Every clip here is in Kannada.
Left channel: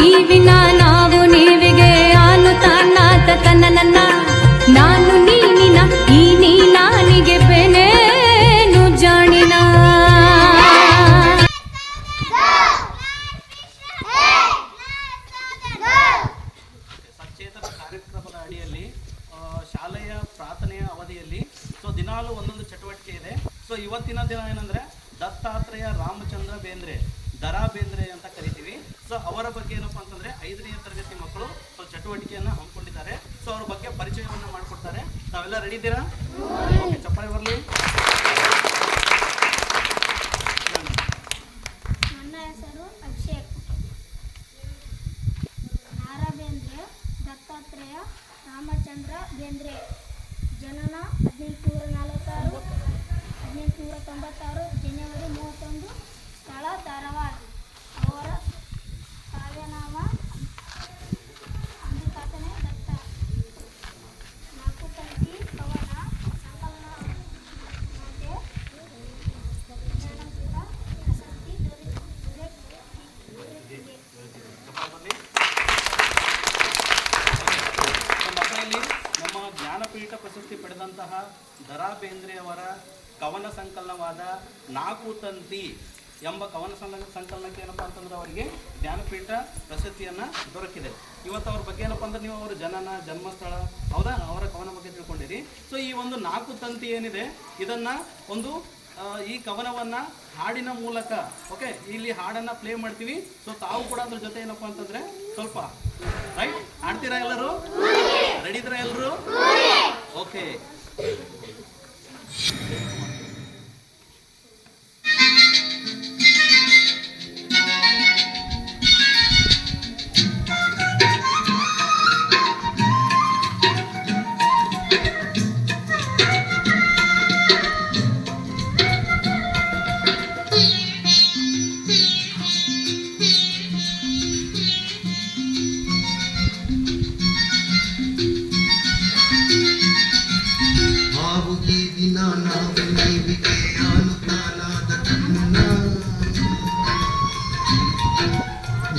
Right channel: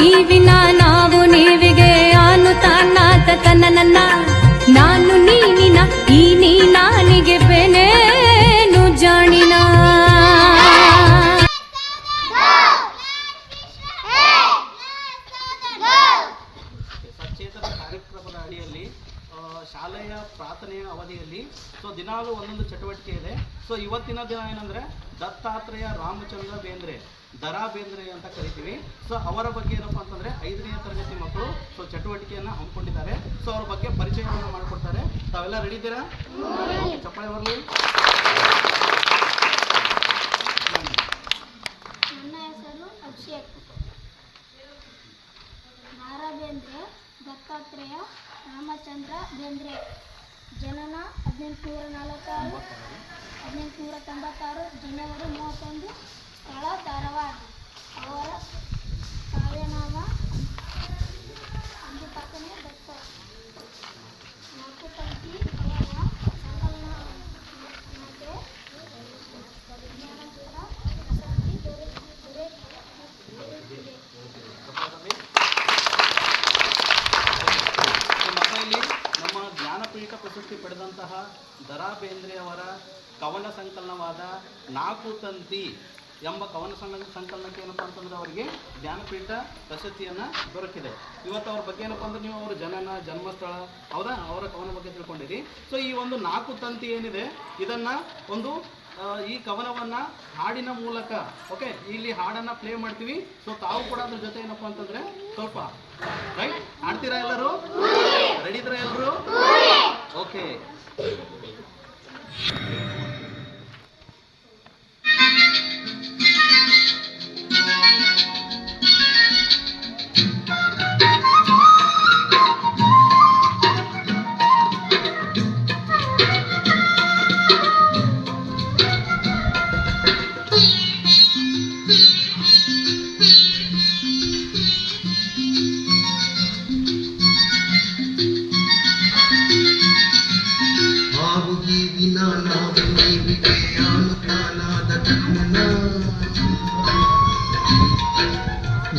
ನೀವಿನ ನಾವು ನೀವಿಗೆ ಆನು ತಾನಾತ ತನ್ನ ನನ್ನ ನಾನು ನೀನಿನ, ಈ ನೀ ನಾನಿಗೆ ಬೆನೇನು ಜಾಣಿನ. ಸಚೇತನ ಕಾರ್ಯಕ್ರಮದ ಅಡಿಯಲ್ಲಿ ಶಾಲೆಯ ಪ್ರಾರ್ಥನೆಯ ಅವಧಿಯಲ್ಲಿ, ಸೊ ದಿನಾಲೂ ಒಂದೊಂದು ಚಟುವಟಿಕೆ ಇದೆ. ಸೊ ಇವತ್ತಿನ ದಿನ ಏನಂದ್ರೆ, ದತ್ತಾತ್ರೇಯ ರಾಮಚಂದ್ರ ಬೇಂದ್ರೆ. ದರಾ ಬೇಂದ್ರೆ ಅಂತ ಕರಿತೀವಿ. ಸೊ ಅವರ ಬಗ್ಗೆ ಏನಪ್ಪ ಅಂತಂದ್ರೆ ಐದನೇ ತರಗತಿ ಮಕ್ಕಳು ಸೊ ಚಟುವಟಿಕೆಯನ್ನು ಹಮ್ಮಿಕೊಂಡಿದ್ದಾರೆ. ಸೊ ಅವ್ರ ಬಗ್ಗೆ ಪರಿಚಯವನ್ನು ಮಾಡಿಕೊಡ್ತಾರೆ. ತಾವೆಲ್ಲ ರೆಡಿ ಇದ್ದೀರಾ? ಬರಲಿ ನನ್ನ ಹೆಸರು ಅಭಿಷೇಕ್ ನಾರಾ ಬೇಂದ್ರೆ ದತ್ತಾತ್ರೇಯ ರಾಮಚಂದ್ರ ಬೇಂದ್ರೆ. ಜನನ ಹದಿನೆಂಟುನೂರ ನಾಲ್ಕಾರು ಹದಿನೆಂಟುನೂರ ತೊಂಬತ್ತಾರು, ಜನವರಿ ಮೂವತ್ತೊಂದು. ಸ್ಥಳ ಧಾರವಾಡ ಅವರ ಕಾವ್ಯನಾಮ ಅಂಬಿಪಾತನೆ ದತ್ತ ನಾಲ್ಕು ಪಂಕ್ತಿ ಕವನ ಸಂಕಲನ ಮತ್ತೆ ಜ್ಞಾನಪೀಠ ಪ್ರಶಸ್ತಿ ದೊರೆ ದೊರೆತಿದೆ ನಮ್ಮ ಮಕ್ಕಳಲ್ಲಿ ನಮ್ಮ ಜ್ಞಾನಪೀಠ ಪ್ರಶಸ್ತಿ ಪಡೆದಂತಹ ದರಾ ಬೇಂದ್ರೆ ಅವರ ಕವನ ಸಂಕಲನವಾದ ನಾಲ್ಕು ತಂತಿ ಎಂಬ ಕವನ ಸಂ- ಸಂಕಲನಕ್ಕೆ ಏನಪ್ಪ ಅಂತಂದ್ರೆ ಅವರಿಗೆ ಜ್ಞಾನಪೀಠ ಪ್ರಶಸ್ತಿಯನ್ನ ದೊರಕಿದೆ. ಇವತ್ತು ಅವ್ರ ಬಗ್ಗೆ ಏನಪ್ಪ ಅಂದ್ರೆ ನೀವು ಅವರ ಜನನ ಜನ್ಮಸ್ಥಳ ಹೌದಾ? ಅವರ ಕವನ ಬಗ್ಗೆ ತಿಳ್ಕೊಂಡಿರಿ. ಸೊ ಈ ಒಂದು ನಾಲ್ಕು ತಂತಿ ಏನಿದೆ ಇದನ್ನು ಒಂದು ಈ ಕವನವನ್ನ ಹಾಡಿನ ಮೂಲಕ ಓಕೆ? ಇಲ್ಲಿ ಹಾಡನ್ನ ಪ್ಲೇ ಮಾಡ್ತೀವಿ. ಸೊ ತಾವು ಕೂಡ ಅದ್ರ ಜೊತೆ ಏನಪ್ಪಾ ಅಂತಂದ್ರೆ ಸ್ವಲ್ಪ ರೈಟ್ ಹಾಡ್ತೀರಾ ಎಲ್ಲರೂ? ರೆಡಿ ಇದ್ದೀರಾ ಎಲ್ಲರೂ?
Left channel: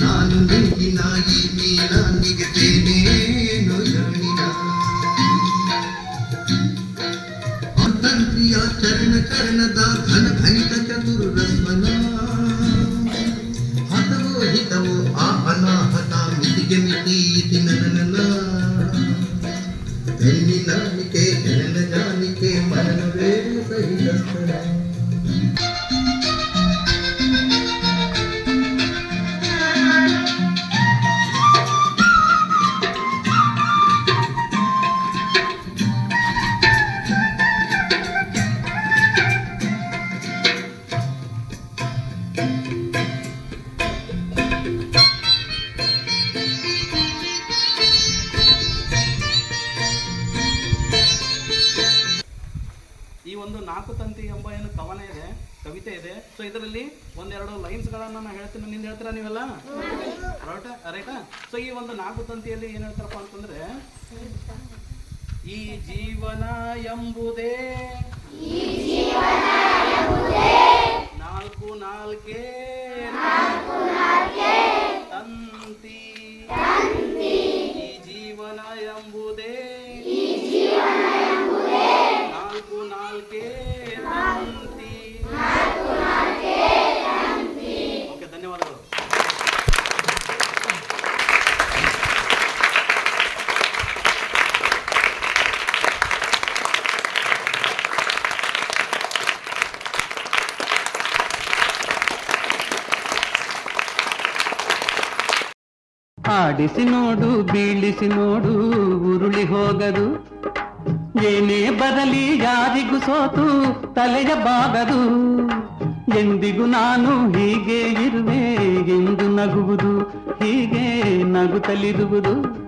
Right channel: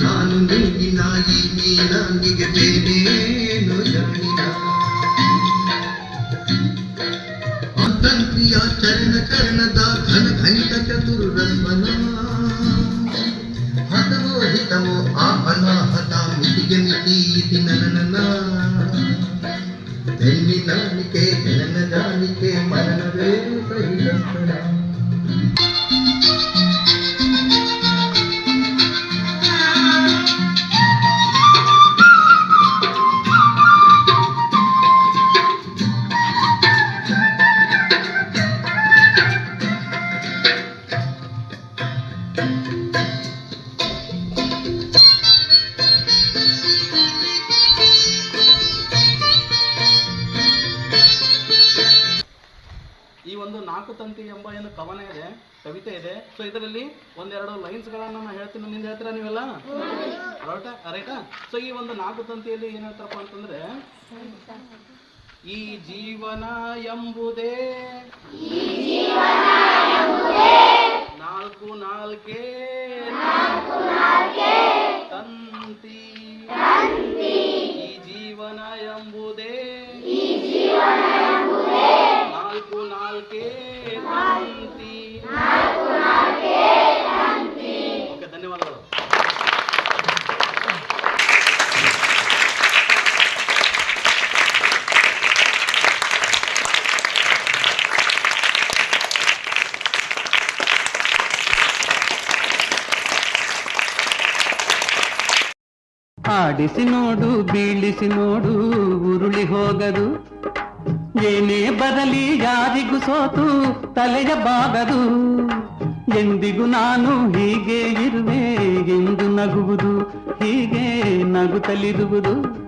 ನಾನು ನಿಂಗಿನ ಈ ಮೀನಿಗೆ ಬೇರೇನು ಜಾಣಿನ ಅಂತಂತ್ರಿಯ ಚರಣ ಚರಣದ ಘನ ಘನಿತ ಚತುರು ರಸ್ಮನ ಹತವೋ ಹಿತವೋ ಆ ಅನಾಹತ ಮಿತಿಗೆ ಮಿತಿ ಇತಿ ನನ್ನ ಹೆಣ್ಣಿನಾನಿಕೆ ಹೆಣ್ಣನಾನಿಕೆ ಮರಣವೇ ಸಹಿತಸ್ಥಳ ಈ ಒಂದು ನಾಲ್ಕು ತಂತಿ ಎಂಬ ಏನು ಕವನ ಇದೆ, ಕವಿತೆ ಇದೆ. ಸೊ ಇದರಲ್ಲಿ ಒಂದೆರಡು ಲೈನ್ಸ್ಗಳನ್ನ ನಾನು ಹೇಳ್ತೀನಿ. ನಿಂದ ಹೇಳ್ತೀರಾ ನೀವೆಲ್ಲ? ರೈಟಾ ಸೊ ಈ ಒಂದು ನಾಲ್ಕು ತಂತಿಯಲ್ಲಿ ಏನ್ ಹೇಳ್ತಾರಪ್ಪ ಅಂತಂದ್ರೆ, ಈ ಜೀವನ ಎಂಬುದೇ ನಾಲ್ಕು ನಾಲ್ಕೇ ತಂತಿ. ಜೀವನ ಎಂಬುದೇ ಆಡಿಸಿ ನೋಡು, ಬೀಳಿಸಿ ನೋಡು, ಉರುಳಿ ಹೋಗದು. ಏನೇ ಬದಲಿ ಯಾರಿಗೂ ಸೋತು, ತಲೆಯ ಬಾಗದು. ಎಂದಿಗೂ ನಾನು ಹೀಗೆ ಇರುವೆ, ಎಂದು ನಗುವುದು, ಹೀಗೆ ನಗುತ್ತಲಿರುವುದು.